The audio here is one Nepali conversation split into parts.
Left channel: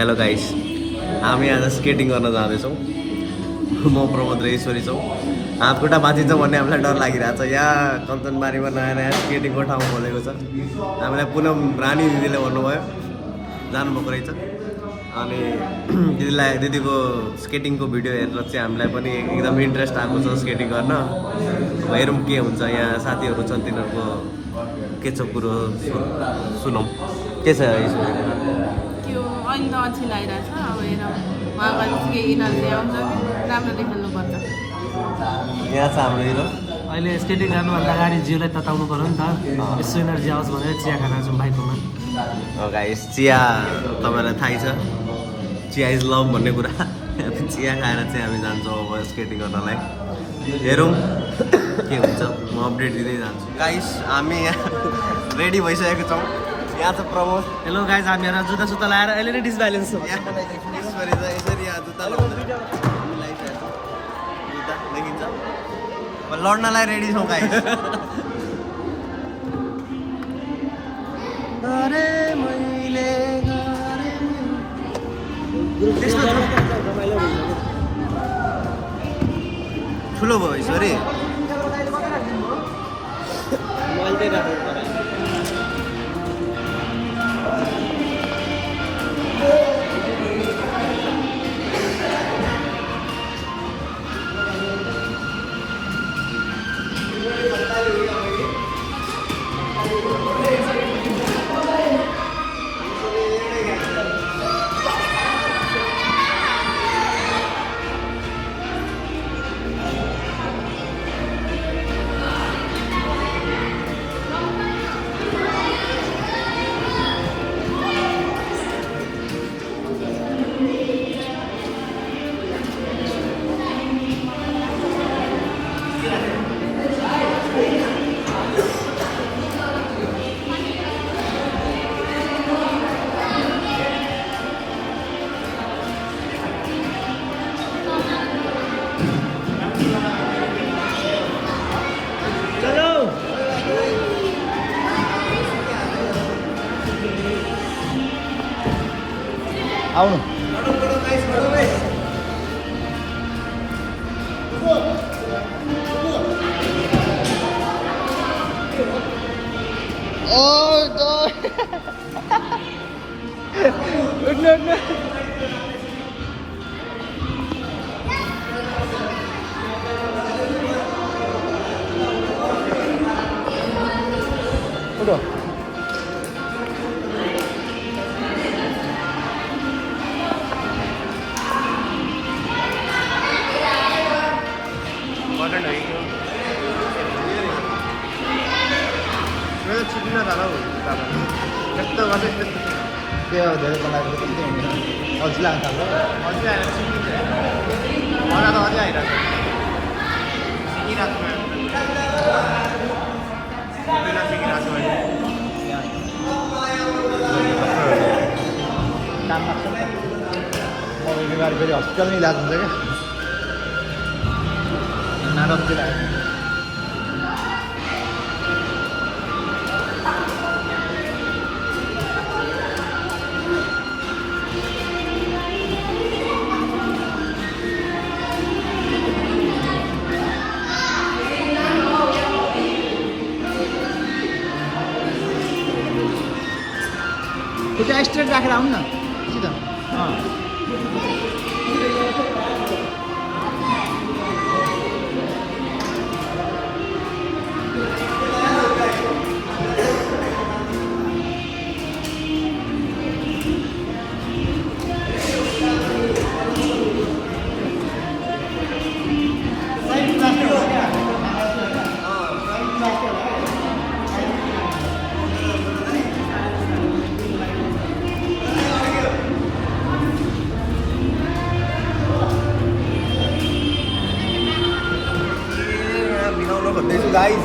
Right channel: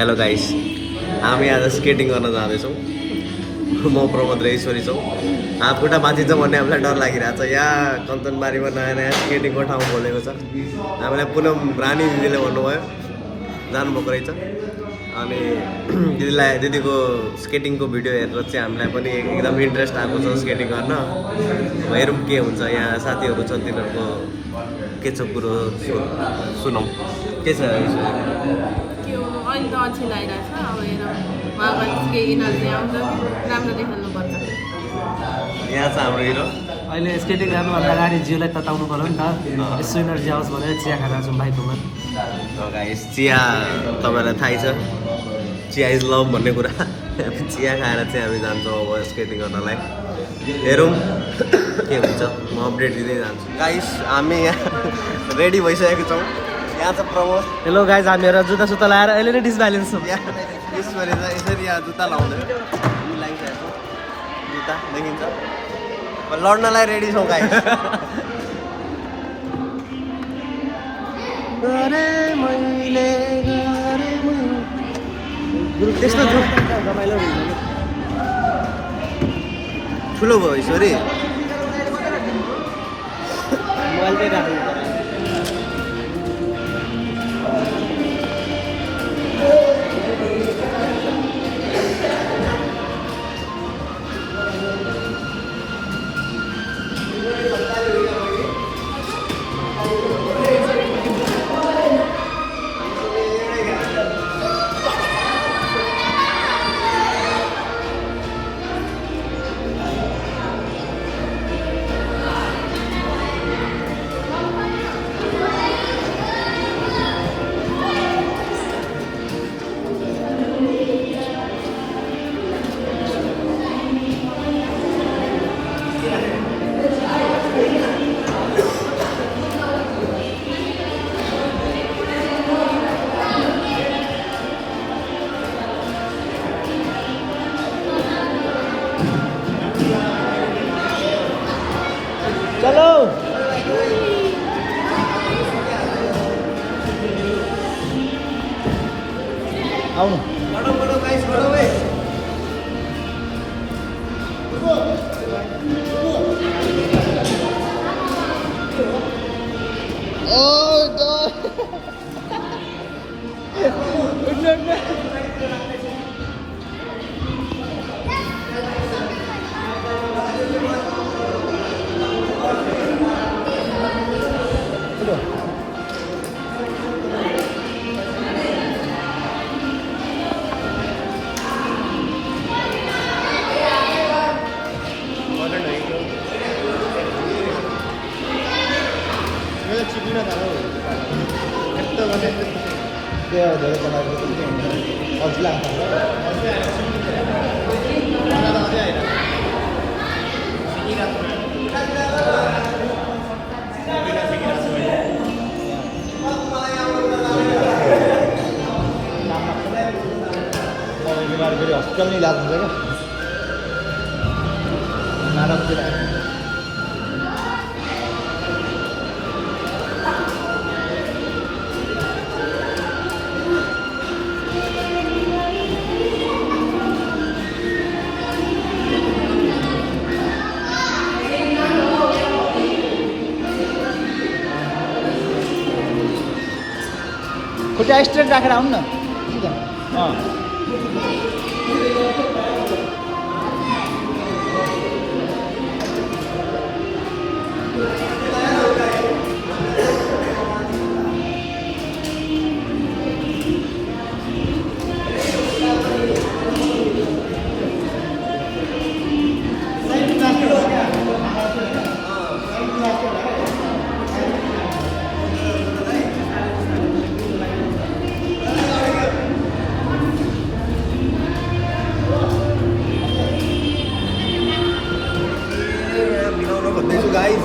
हेलो गाइस, हामी आज स्केटिङ गर्न जाँदैछौँ। म प्रमोद र ईश्वरी छौँ। हात खुट्टा भाँचिन्छ भन्ने हामीलाई डर लागिरहेको छ। यहाँ कञ्चनबारीमा नयाँ नयाँ स्केटिङको ठाउँ खोलेको छ। हामीलाई पुनः रानी दिदीले भन्नुभयो जानुभएको रहेछ। अनि दिदीको स्केटिङको भिडियो हेरेर चाहिँ हामीलाई पनि एकदम इन्ट्रेस्ट आएको छ स्केटिङ गर्न। अब हेरौँ के हुन्छ। यहाँ साथीहरू छन्, तिनीहरूको के छ कुरो सुनौँ। के छ ईश्वरी? अहिले त अल्छी लागिरहेछ। अब हेरौँ उहाँको केही यिनीहरूले आउँछ राम्रो देखाउनुपर्छ। यहाँ छ हाम्रो हिरो। अहिले स्केटिङ गर्नुभन्दा अगाडि जिउलाई तताउनु पऱ्यो नि त। यसो एनर्जी आओस् भनेर चिया खान आउँछौँ भाइकोमा। गाइस, चिया तपाईँलाई थाहै छ, चिया इज लभ भन्ने कुरा। चिया खाएर चाहिँ हामी जान्छौँ अब स्केटिङ गर्नलाई। हेरौँ के हुन्छ, म अपडेट दिँदै जान्छु। गाइस, हामी यहाँ रेडी भइसकेको छौँ। यहाँ छ प्रमोद। हेलो गाइज, हामीहरू जुत्ता सुत्ता लगाएर अहिले नै डिसब्यालेन्स छौँ। यसरी यहाँ जुत्ता लाउँदैन, जुत्ता देखिन्छ। लड्नलाई रेडी छौँ गाइस। त्यस्तो ठुलो भयो ईश्वरी। चलो आउनु। हस्पिटलमा इलाज हुन्छ क्या नारकतिर। खुट्टा स्ट्रेट राखेर आउनु न सिधा। गाइस,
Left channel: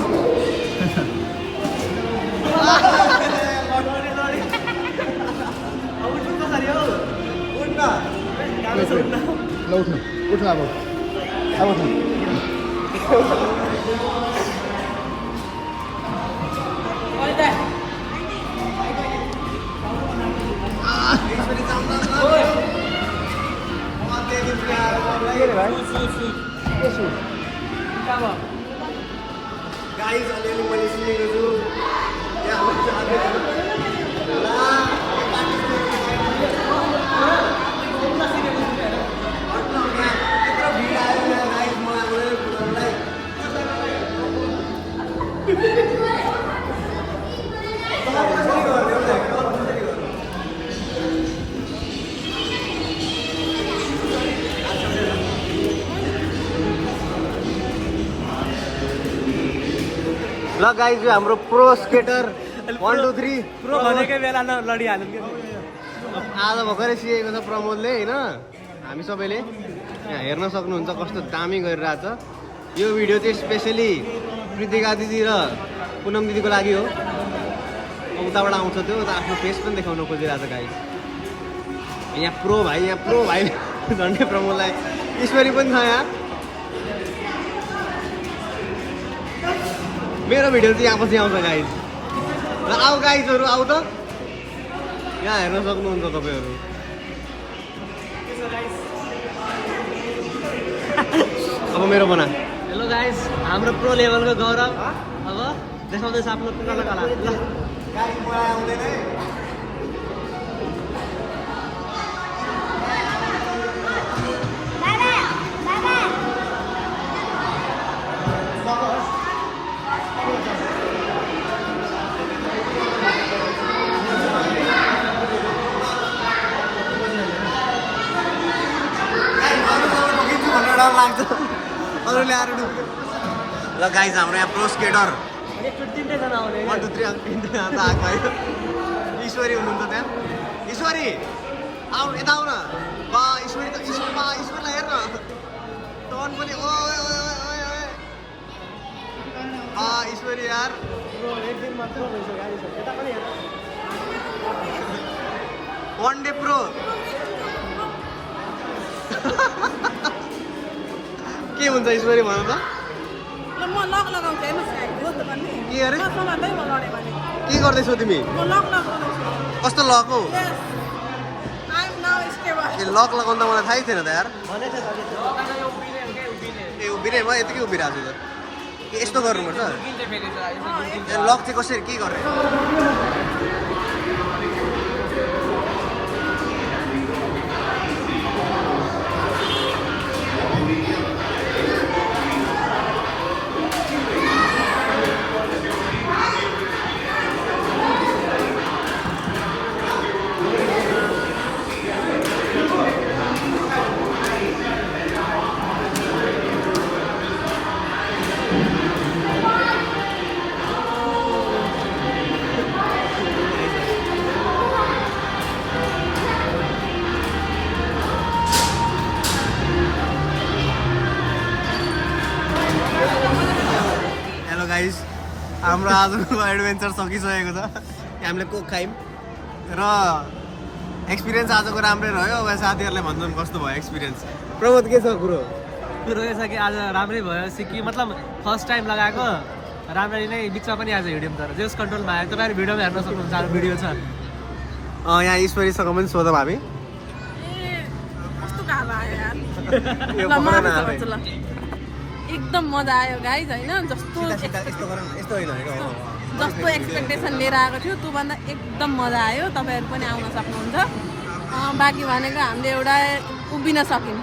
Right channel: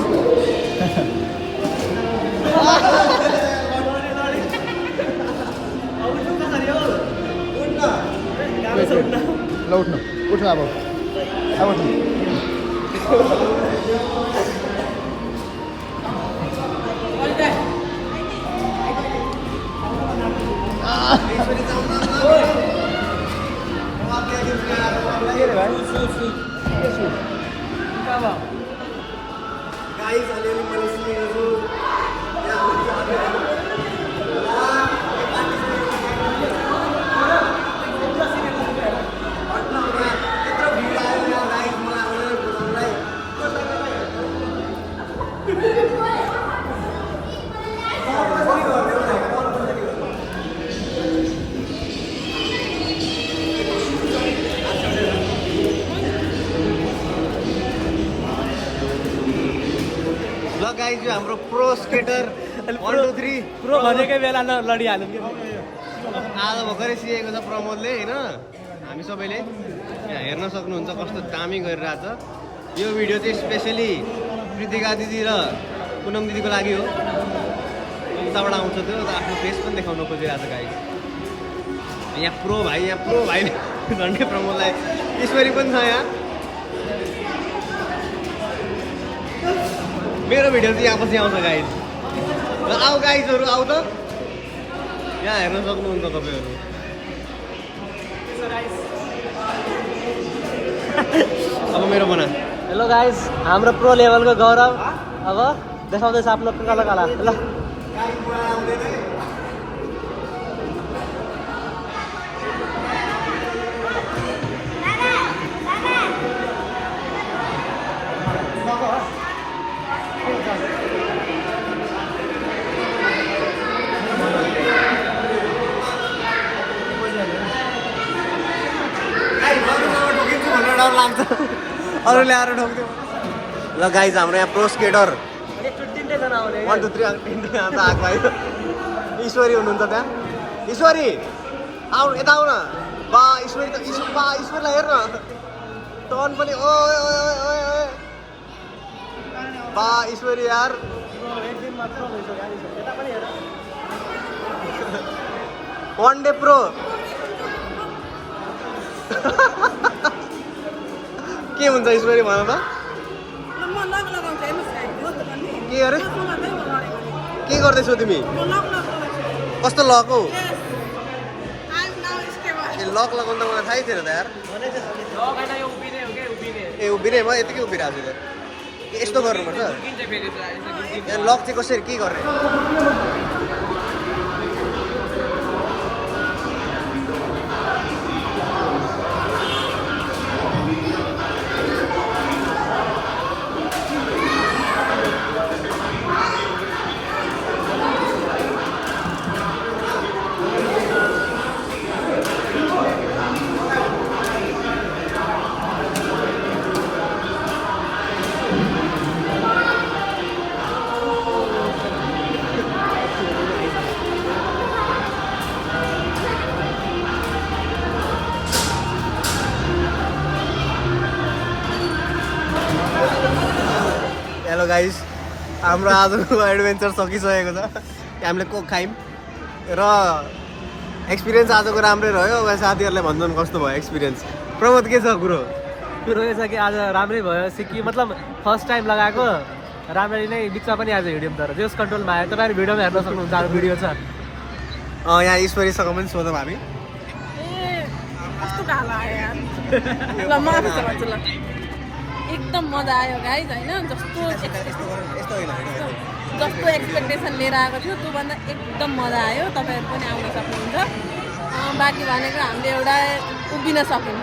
ल उठ्नु उठ्नु अब उठ्नु। Ôi गाइस अलिअलि मैले सिकेको छु यत्रो भिड आयो यहाँ गाइस मलाई आउँदैन कुदाउनलाई ल गाइस जो हाम्रो प्रो स्केटर 1 2 3 प्रो भनेकै बेला लडिहाल्यो कि आज भर्खरै सिकेको छ प्रमोदले होइन हामी सबैले यहाँ हेर्न सक्नुहुन्छ कस्तो दामी गरिरहेछ यो भिडियो चाहिँ स्पेसली प्रीतिका दिदी र पुनम दिदीको लागि हो उताबाट आउँछ त्यो आफ्नो फेस पनि देखाउन खोजिरहेछ गाइस यहाँ प्रो भाइ झन्डै प्रमोदलाई ईश्वरी पनि छ यहाँ मेरो भिडियो चाहिँ यहाँ पछि आउँछ गाइस र आऊ गाइसहरू आऊ त यहाँ हेर्न सक्नुहुन्छ तपाईँहरू अब मेरो बना हेलो गाइस हाम्रो प्रो लेभलको गौरव अब देखाउँदैछ आफ्नो कला कला ल डर लाग्छ अरूले आएर ठोक्थ्यो ल गाइस हाम्रो यहाँ प्रो स्केटर 1 2 3 अन्त आएको आयो ईश्वरी हुनुहुन्छ त्यहाँ ईश्वरी आऊ यता आऊ न बा ईश्वरी त ईश्वरलाई हेर्न टर्न पनि ओए ओए ओए ओए ओए बा ईश्वरी यार वान डे प्रो के हुन्छ ईश्वरी भन त के अरे के गर्दैछौ तिमी कस्तो लक हौ ए लक लगाउनु त मलाई थाहै थिएन त यार ए उभिने म यतिकै उभिरहेको छु त के यस्तो गर्नुपर्छ ए लक चाहिँ कसरी के गर्ने हेलो गाइस हाम्रो आजको एडभेन्चर सकिसकेको छ हामीले कोक खायौँ र एक्सपिरियन्स आजको राम्रै रह्यो अब साथीहरूले भन्छन् कस्तो भयो एक्सपिरियन्स प्रमोद के छ कुरो रहेछ कि आज राम्रै भयो सिक्की मतलब फर्स्ट टाइम लगाएको राम्ररी नै बिचमा पनि आज हिँड्यौँ तर जोस कन्ट्रोलमा आयो तपाईँहरू भिडियोमा हेर्न सक्नुहुन्छ अब भिडियो छ यहाँ ईश्वरीसँग पनि सोधौँ हामी कस्तो गाला आयो यार ल म आफै भन्छु ल एकदम मजा आयो गाइज होइन जस्तो एक्सपेक्टेसन लिएर आएको थियो त्योभन्दा एकदम मजा आयो तपाईँहरू पनि आउन सक्नुहुन्छ बाँकी भनेको हामीले एउटा उभिन सक्यौँ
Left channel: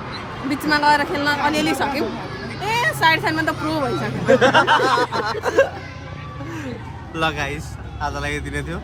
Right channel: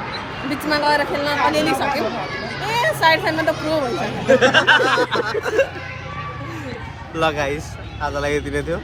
बिचमा गएर खेल्न अलिअलि सक्यौँ साइडमा त प्रो भइसक्यो ल गाइस आजलाई यति नै थियो